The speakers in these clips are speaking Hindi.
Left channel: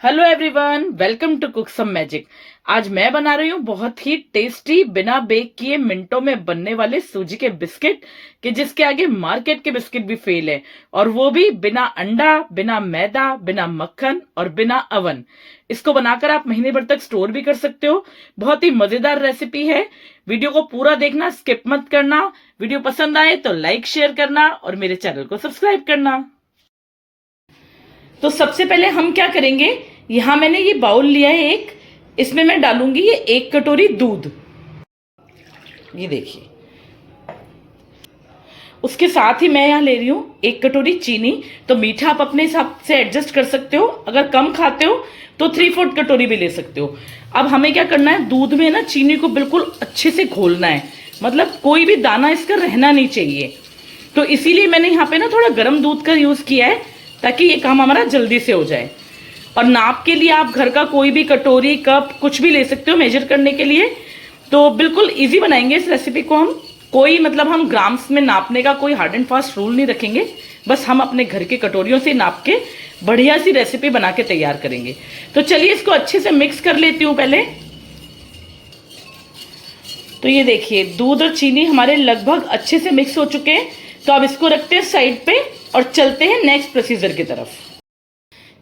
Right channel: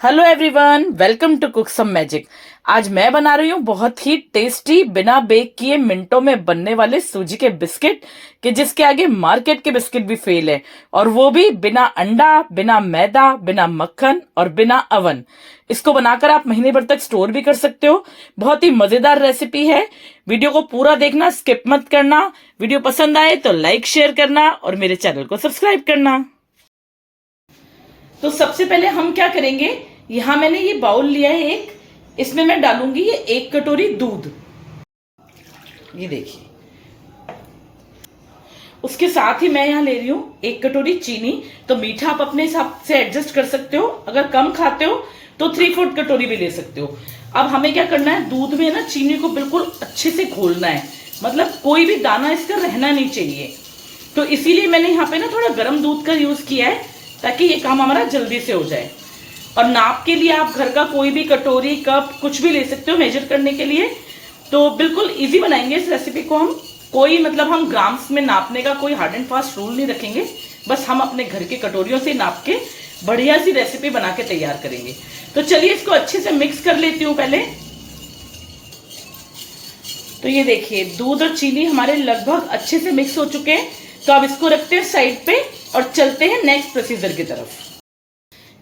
Hello everyone, welcome to cook some magic. आज मैं बना रही हूँ बहुत ही टेस्टी बिना बेक किए मिनटों में बनने वाले सूजी के बिस्किट कि जिसके आगे मार्केट के बिस्किट भी फेल है, और वो भी बिना अंडा, बिना मैदा, बिना मक्खन और बिना अवन। इसको बनाकर आप महीने भर तक स्टोर भी कर सकते हो। बहुत ही मजेदार रेसिपी है। वीडियो को पूरा देखना, स्किप मत करना। वीडियो पसंद आए तो लाइक शेयर करना और मेरे चैनल को सब्सक्राइब करना। तो सबसे पहले हम क्या करेंगे, यहां मैंने ये बाउल लिया है एक, इसमें मैं डालूंगी ये 1 कटोरी दूध। ये देखिए, उसके साथ ही मैं यहां ले रही हूं 1 कटोरी चीनी। तो मीठा आप अपने हिसाब से एडजस्ट कर सकते हो, अगर कम खाते हो तो 3/4 कटोरी भी ले सकते हो। अब हमें क्या करना है, दूध में ना चीनी को बिल्कुल अच्छे से घोलना है, मतलब कोई भी दाना इसका रहना नहीं चाहिए। तो इसीलिए मैंने यहाँ पे ना थोड़ा गर्म दूध का यूज किया है, ताकि ये काम हमारा जल्दी से हो जाए। और नाप के लिए आप घर का कोई भी कटोरी, कप कुछ भी ले सकते हो मेजर करने के लिए। तो बिल्कुल इजी बनाएंगे इस रेसिपी को हम। कोई मतलब हम ग्राम्स में नापने का कोई हार्ड एंड फास्ट रूल नहीं रखेंगे, बस हम अपने घर के कटोरियों से नाप के बढ़िया सी रेसिपी बना के तैयार करेंगे। तो चलिए इसको अच्छे से मिक्स कर लेती हूँ पहले। तो ये देखिए, दूध और चीनी हमारे लगभग अच्छे से मिक्स हो चुके हैं। तो अब इसको रखते हैं साइड पे और चलते हैं नेक्स्ट प्रोसीजर की तरफ।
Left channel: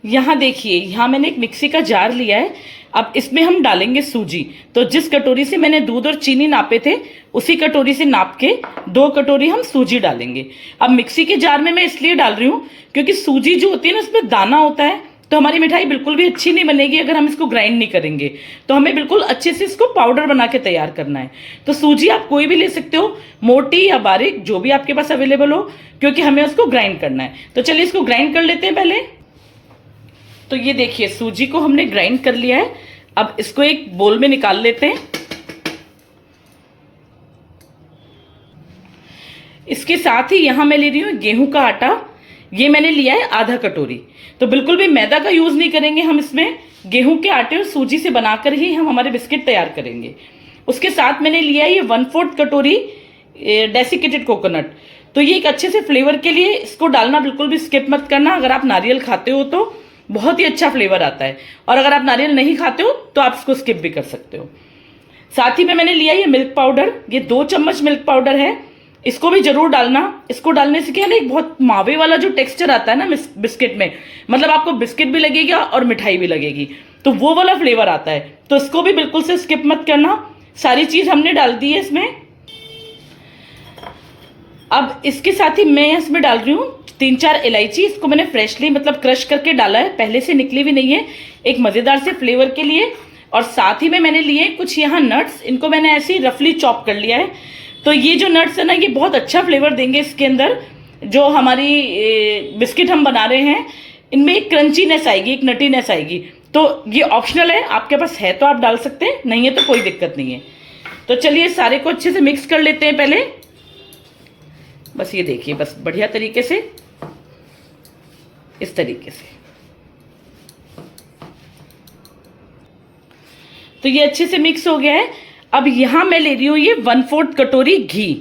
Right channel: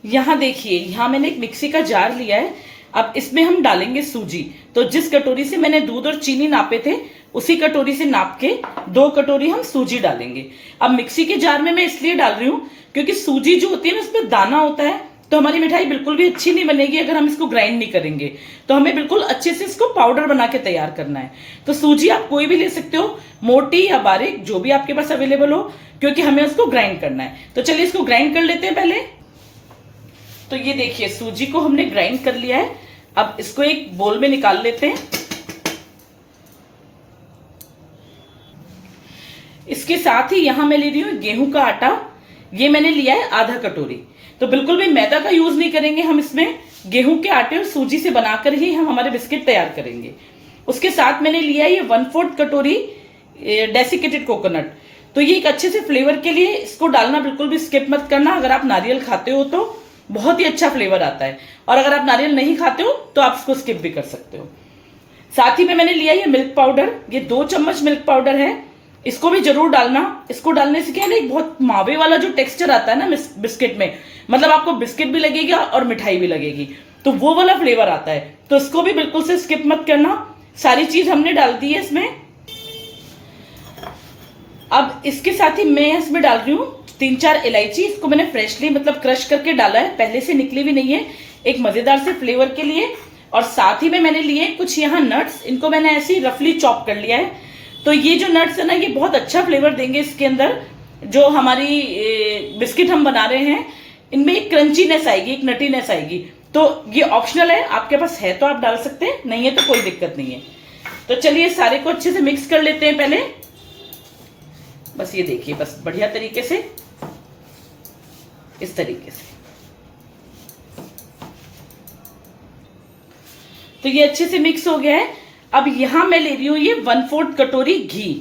यहाँ देखिए, यहाँ मैंने एक मिक्सी का जार लिया है। अब इसमें हम डालेंगे सूजी। तो जिस कटोरी से मैंने दूध और चीनी नापे थे, उसी कटोरी से नाप के 2 कटोरी हम सूजी डालेंगे। अब मिक्सी के जार में मैं इसलिए डाल रही हूँ क्योंकि सूजी जो होती है ना, उसमें दाना होता है, तो हमारी मिठाई बिल्कुल भी अच्छी नहीं बनेगी अगर हम इसको ग्राइंड नहीं करेंगे। तो हमें बिल्कुल अच्छे से इसको पाउडर बना के तैयार करना है। तो सूजी आप कोई भी ले सकते हो, मोटी या बारीक, जो भी आपके पास अवेलेबल हो, क्योंकि हमें उसको ग्राइंड करना है। तो चलिए इसको ग्राइंड कर लेते हैं पहले। तो ये देखिए, सूजी को हमने ग्राइंड कर लिया है। अब इसको एक बोल में निकाल लेते हैं। इसके साथ ही यहां मैं ले रही हूं गेहूं का आटा। ये मैंने लिया है आधा कटोरी। तो बिल्कुल भी मैदा का यूज नहीं करेंगे हम इसमें, गेहूं के आटे और सूजी से बनाकर ही हम हमारे बिस्किट तैयार करेंगे। उसके साथ मैंने लिया ये 1/4 कटोरी डेसिकेटेड कोकोनट। तो ये एक अच्छे से फ्लेवर के लिए इसको डालना बिल्कुल भी स्किप मत करना। अगर आप नारियल खाते हो तो बहुत ही अच्छा फ्लेवर आता है, और अगर आप नारियल नहीं खाते हो तो आप इसको स्किप भी कर सकते हो। साथ ही में मैंने लिया ये मिल्क पाउडर। ये 2 चम्मच मिल्क पाउडर है, इसको भी जरूर डालना। इसको डालने से क्या है ना, एक बहुत मावे वाला जो टेक्सचर आता है ना बिस्किट में, मतलब आपको बिस्किट भी लगेगा और मिठाई भी लगेगी, तो वो वाला फ्लेवर आता है। तो इसको भी बिल्कुल से स्किप मत करना। सारी चीज हमने डाल दी है इसमें। अब इसके साथ ही मैं इसमें डाल रही हूँ 3-4 इलायची। इसको मैंने फ्रेशली मतलब क्रश करके डाला है, पहले से निकली भी नहीं है, एक मजेदार से फ्लेवर के लिए। और साथ ही में मैंने लिए कुछ यहाँ नट्स, इनको मैंने ऐसे ही रफली चॉप कर लिया है। तो ये जो नट्स है ना, ये बहुत अच्छा फ्लेवर देंगे इसके अंदर। जो हमारी बिस्किट हम बना रहे हैं, इनमें एक क्रंचीनेस आएगी, एक नटीनेस आएगी। तो ये ऑप्शनल है, आपके पास है तो आप डाल सकते हैं, नहीं है तो कोई दिक्कत नहीं है। तो चलिए सारे को अच्छे से मिक्स कर लेते हैं पहले। बस ये देखिए, बस बढ़िया तरीके से, इस तरीके से। तो ये अच्छे से मिक्स हो गया है। अब यहां मैं ले रही हूं ये 1/4 कटोरी घी।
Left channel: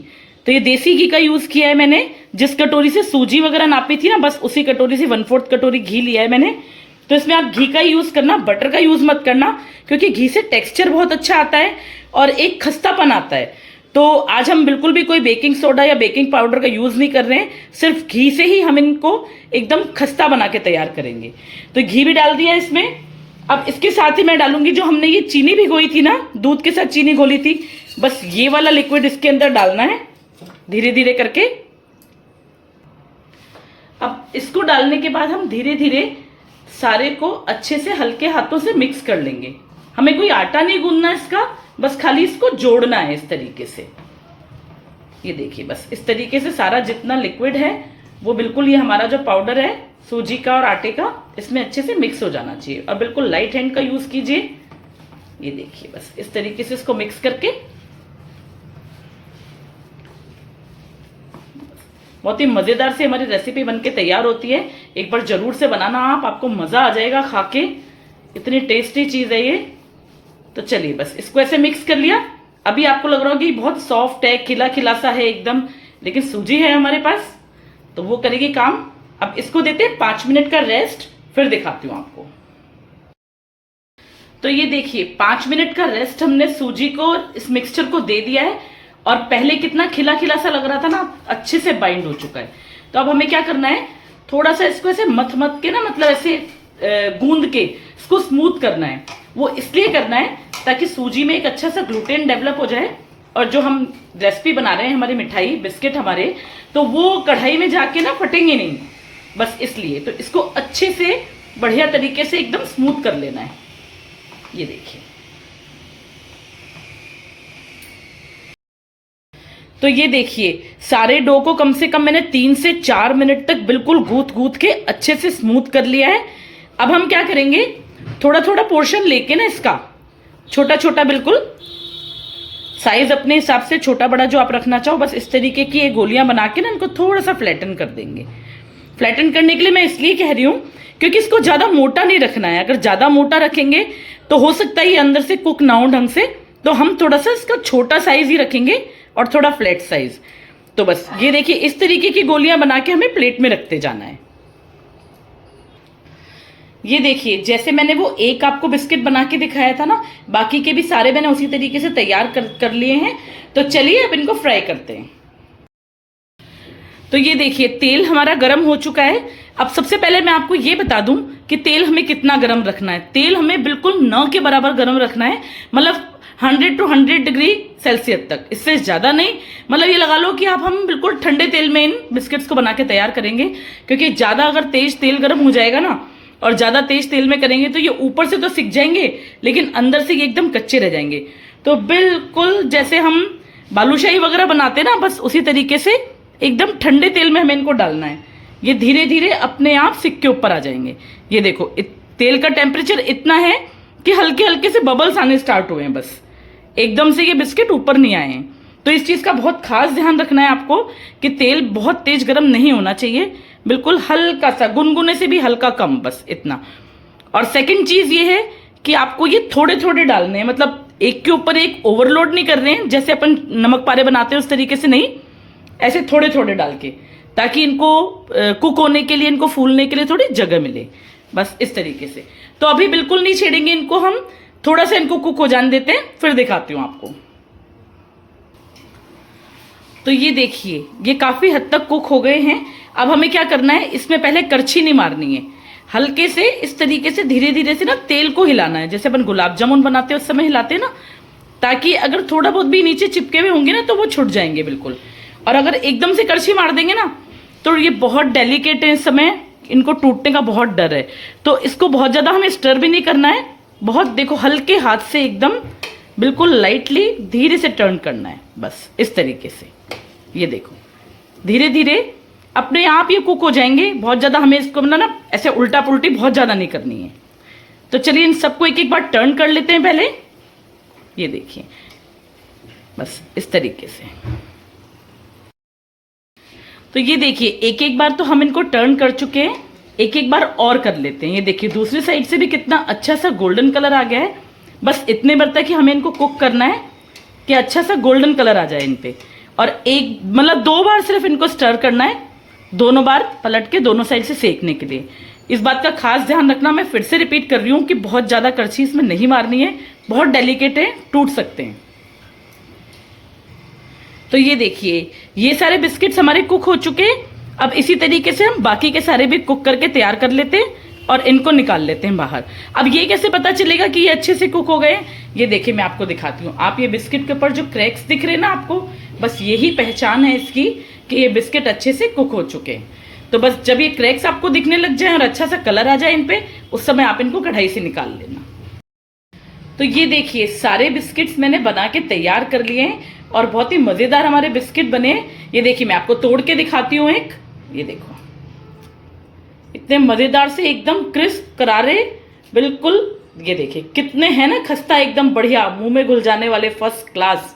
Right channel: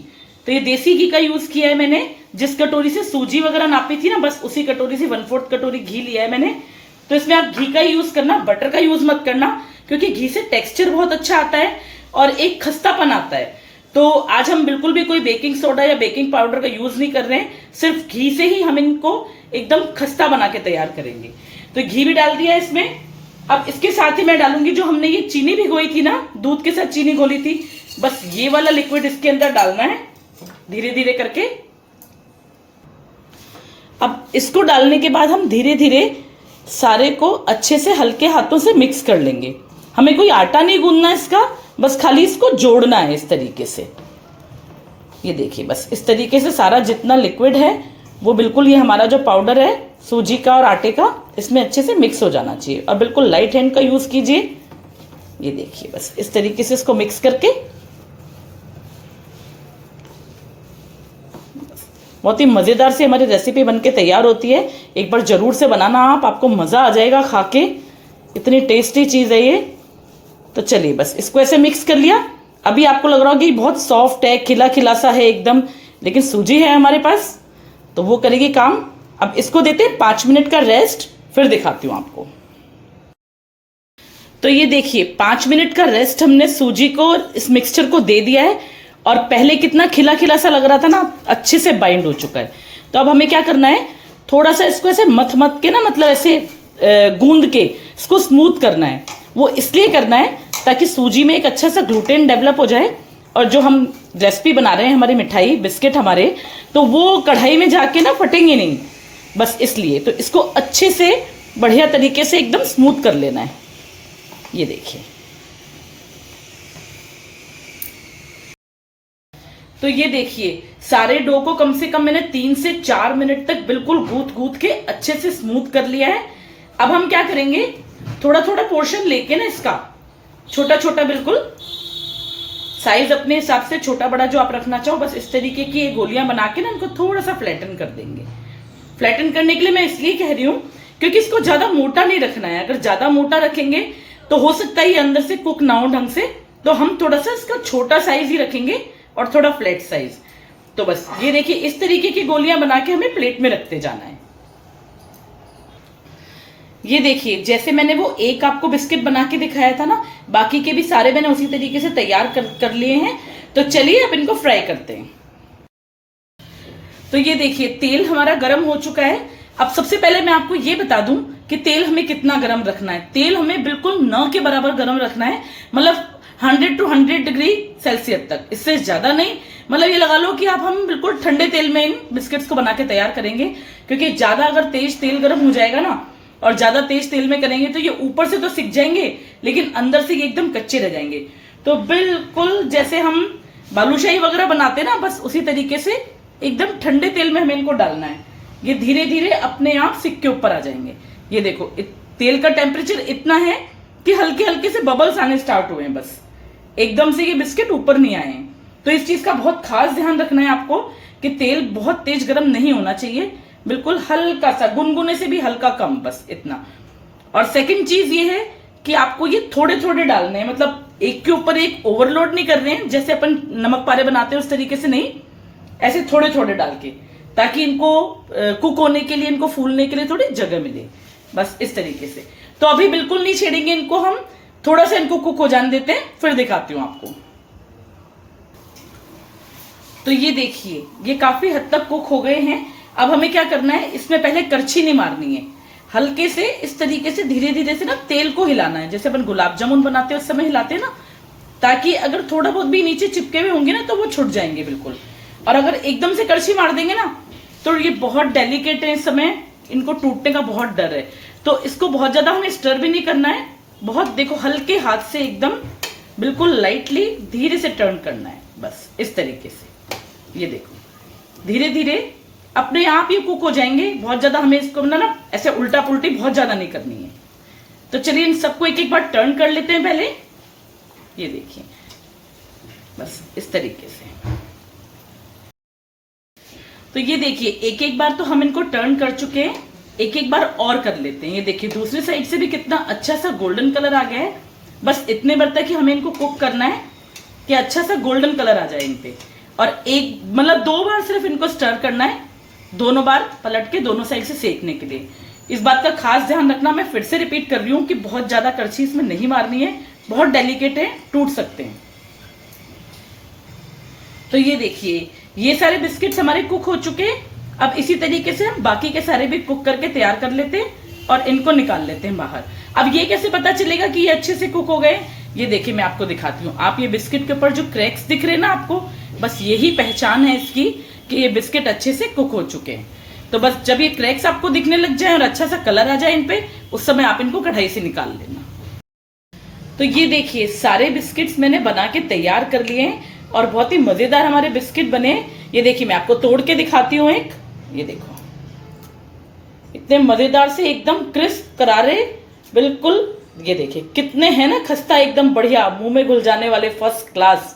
तो ये देसी घी का यूज किया है मैंने। जिस कटोरी से सूजी वगैरह नापी थी ना, बस उसी कटोरी से 1/4 कटोरी घी लिया है मैंने। तो इसमें आप घी का यूज करना, बटर का यूज मत करना, क्योंकि घी से टेक्सचर बहुत अच्छा आता है और एक खस्तापन आता है। तो आज हम बिल्कुल भी कोई बेकिंग सोडा या बेकिंग पाउडर का यूज नहीं कर रहे हैं, सिर्फ घी से ही हम इनको एकदम खस्ता बना के तैयार करेंगे। तो घी भी डाल दिया इसमें। अब इसके साथ ही मैं डालूंगी जो हमने ये चीनी भिगोई थी ना, दूध के साथ चीनी घोली थी, बस ये वाला लिक्विड इसके अंदर डालना है धीरे धीरे करके। अब इसको डालने के बाद हम धीरे धीरे सारे को अच्छे से हल्के हाथों से मिक्स कर लेंगे। हमें कोई आटा नहीं गूंदना इसका, बस खाली इसको जोड़ना है इस तरीके से। ये देखिए, बस इस तरीके से सारा जितना लिक्विड है वो बिल्कुल, ये हमारा जो पाउडर है सूजी का और आटे का, इसमें अच्छे से मिक्स हो जाना चाहिए। और बिल्कुल लाइट हैंड का यूज कीजिए। ये देखिए, बस इस तरीके से इसको मिक्स करके बहुत ही मजेदार से हमारी रेसिपी बनके तैयार होती है। एक बार जरूर से बनाना आप, आपको मजा आ जाएगा खा के, इतनी टेस्टी चीज है ये। तो चलिए बस इसको ऐसे मिक्स कर लिया। अभी आपको लग रहा होगा कि बहुत सॉफ्ट है, खिला खिला सा है एकदम, लेकिन सूजी है हमारे पास तो वो करेगी काम। अब इसको देते हैं 5 मिनट का रेस्ट, फिर दिखाती हूँ आपको। तो ये देखिए 5 मिनट का रेस्ट हमने सूजी को इस मिक्सचर को दे दिया है और पहले कितना खिला खिला सा लग रहा था ना, अच्छे से बाइंड हो चुका है। तो अब हमें क्या करना है, थोड़ा सा इसको ऐसे मथ मथ के ना, मतलब ऐसे गूंद के इसको स्मूथ करना है। वो इसलिए करना है ताकि सूजी में एक अच्छा सा ग्लूटेन डेवलप हो जाए और जो हम रेसिपी बना रहे हैं हमारी मिठाई बिस्किट हमारे, तो वो कढ़ाई में जाके ना फटेंगे नहीं, बस इसलिए। तो इसको अच्छे से बढ़िया तरीके से एकदम स्मूथ कर लेना है। ये देखिए, तो ये देखिए सारे डो को कम से कम मैंने 3 से 4 मिनट तक बिल्कुल गूंथ गूंथ के अच्छे से स्मूथ कर लिया है। अब हम क्या करेंगे, थोड़ा थोड़ा पोर्शन लेके ना इसका छोटा छोटा, बिल्कुल साइज अपने हिसाब से छोटा बड़ा जो आप रखना चाहो, बस इस तरीके की ये गोलियां बना के ना इनको थोड़ा सा फ्लैटन कर देंगे। फ्लैटन करने के लिए मैं इसलिए कह रही हूं क्योंकि इसको ज्यादा मोटा नहीं रखना है। अगर ज्यादा मोटा रखेंगे तो हो सकता है ये अंदर से कुक ना हो ढंग से, तो हम थोड़ा सा इसका छोटा साइज ही रखेंगे और थोड़ा फ्लैट साइज। तो बस ये देखिए इस तरीके की गोलियां बना के हमें प्लेट में रखते जाना है। ये देखिए जैसे मैंने वो एक आपको बिस्किट बना के दिखाया था ना, बाकी के भी सारे मैंने उसी तरीके से तैयार कर लिए हैं। तो चलिए अब इनको फ्राई करते हैं। तो ये देखिए तेल हमारा गर्म हो चुका है। अब सबसे पहले मैं आपको ये बता दूं कि तेल हमें कितना गर्म रखना है। तेल हमें बिल्कुल 9 के बराबर गर्म रखना है, मतलब 100 to 100 डिग्री सेल्सियस तक, इससे ज्यादा नहीं। मतलब ये लगा लो कि आप हम बिल्कुल ठंडे तेल में इन बिस्किट्स को बना के तैयार करेंगे, क्योंकि ज्यादा अगर तेज तेल गर्म हो जाएगा ना और ज्यादा तेज तेल में करेंगे तो ये ऊपर से तो सिक जाएंगे लेकिन अंदर से ये एकदम कच्चे रह जाएंगे। तो बिल्कुल जैसे हम बालूशाही वगैरह बनाते हैं ना, बस उसी तरीके से एकदम ठंडे तेल में हमें इनको डालना है। ये धीरे धीरे अपने आप सिक के ऊपर आ जाएंगे। ये देखो तेल का टेम्परेचर इतना है कि हल्के हल्के से बबल्स आने स्टार्ट हुए हैं, बस एकदम से ये बिस्किट ऊपर नहीं आए हैं। तो इस चीज का बहुत खास ध्यान रखना है आपको कि तेल बहुत तेज गर्म नहीं होना चाहिए, बिल्कुल हल्का सा, गुनगुने से भी हल्का कम, बस इतना। और सेकंड चीज ये है कि आपको ये थोड़े थोड़े डालने हैं, मतलब एक के ऊपर एक ओवरलोड नहीं कर रहे हैं, जैसे अपन नमक पारे बनाते हैं उस तरीके से नहीं, ऐसे थोड़े थोड़े डाल के, ताकि इनको कुक होने के लिए, इनको फूलने के लिए थोड़ी जगह मिले, बस इस तरीके से। तो अभी बिल्कुल नहीं छेड़ेंगे इनको, हम थोड़ा सा इनको कुक हो जाने देते हैं, फिर दिखाती हूं आपको। तो ये देखिए ये काफी हद तक कुक हो गए हैं। अब हमें क्या करना है, इसमें पहले करछी नहीं मारनी है, हल्के से इस तरीके से धीरे धीरे से ना तेल को हिलाना है, जैसे अपन गुलाब जामुन बनाते हैं उस समय हिलाते हैं ना, ताकि अगर थोड़ा बहुत भी नीचे चिपके हुए होंगे ना तो वो छुट जाएंगे बिल्कुल। और अगर एकदम से करछी मार देंगे ना तो ये बहुत डेलिकेट है, इस समय इनको टूटने का बहुत डर है। तो इसको बहुत ज्यादा हमें स्टर भी नहीं करना है, बहुत देखो हल्के हाथ से एकदम बिल्कुल लाइटली धीरे से टर्न करना है, बस इस तरीके से। ये देखो धीरे धीरे अपने आप ये कुक हो जाएंगे। बहुत ज्यादा हमें इसको ना ऐसे उल्टा पुल्टी बहुत ज्यादा नहीं करनी है। तो चलिए इन सबको एक एक बार टर्न कर लेते हैं पहले। ये देखिए बस इस तरीके से। तो ये देखिए एक एक बार तो हम इनको टर्न कर चुके हैं, एक एक बार और कर लेते हैं। ये देखिए दूसरी साइड से भी कितना अच्छा सा गोल्डन कलर आ गया है। बस इतने बार तक कि हमें इनको कुक करना है कि अच्छा सा गोल्डन कलर आ जाए इन पे। और एक मतलब 2 बार सिर्फ इनको स्टर करना है, दोनों बार पलट के दोनों साइड से सेकने के लिए। इस बात का खास ध्यान रखना, मैं फिर से रिपीट कर रही हूँ कि बहुत ज्यादा करछी इसमें नहीं मारनी है, बहुत डेलिकेट है, टूट सकते हैं। तो ये देखिए ये सारे बिस्किट्स हमारे कुक हो चुके हैं। अब इसी तरीके से हम बाकी के सारे भी कुक करके तैयार कर लेते हैं और इनको निकाल लेते हैं बाहर। अब ये कैसे पता चलेगा कि ये अच्छे से कुक हो गए, ये देखिए मैं आपको दिखाती हूँ। आप ये बिस्किट के ऊपर जो क्रैक्स दिख रहे हैं ना आपको, बस यही पहचान है इसकी कि ये बिस्किट अच्छे से कुक हो चुके हैं। तो बस जब ये क्रैक्स आपको दिखने लग जाए और अच्छा सा कलर आ जाए इन पे, उस समय आप इनको कढ़ाई से निकाल लेना। तो ये देखिए सारे बिस्किट्स मैंने बना के तैयार कर लिए हैं और बहुत ही मजेदार हमारे बिस्किट बने। ये देखिए मैं आपको तोड़ के दिखाती हूँ एक, ये देखो इतने मजेदार से एकदम क्रिस्प करारे बिल्कुल। ये देखिए कितने हैं ना खस्ता, एकदम बढ़िया, मुंह में घुल जाने वाले, फर्स्ट क्लास।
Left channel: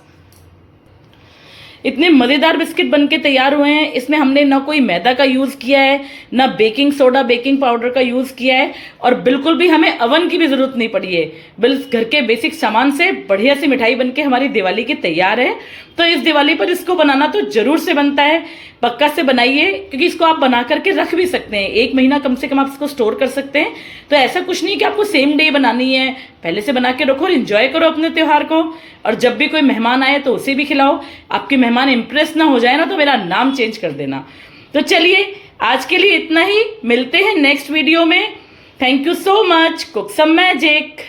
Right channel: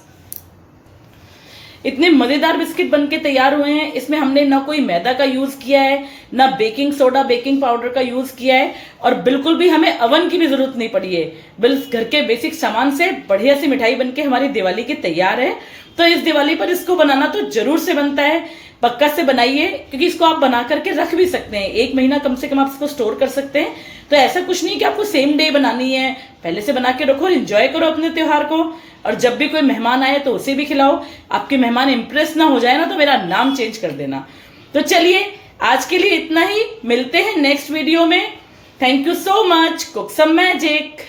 इतने मजेदार बिस्किट बनके तैयार हुए हैं। इसमें हमने ना कोई मैदा का यूज किया है, ना बेकिंग सोडा बेकिंग पाउडर का यूज किया है, और बिल्कुल भी हमें अवन की भी जरूरत नहीं पड़ी है। बस घर के बेसिक सामान से बढ़िया सी मिठाई बनके हमारी दिवाली की तैयार है। तो इस दिवाली पर इसको बनाना तो जरूर से बनता है, पक्का से बनाइए, क्योंकि इसको आप बना करके रख भी सकते हैं, 1 महीना कम से कम आप इसको स्टोर कर सकते हैं। तो ऐसा कुछ नहीं कि आपको सेम डे बनानी है, पहले से बना के रखो और एंजॉय करो अपने त्योहार को। और जब भी कोई मेहमान आए तो उसे भी खिलाओ। आपके मेहमान इंप्रेस ना हो जाए ना तो मेरा नाम चेंज कर देना। तो चलिए आज के लिए इतना ही, मिलते हैं नेक्स्ट वीडियो में। Thank you so much. Cook some magic.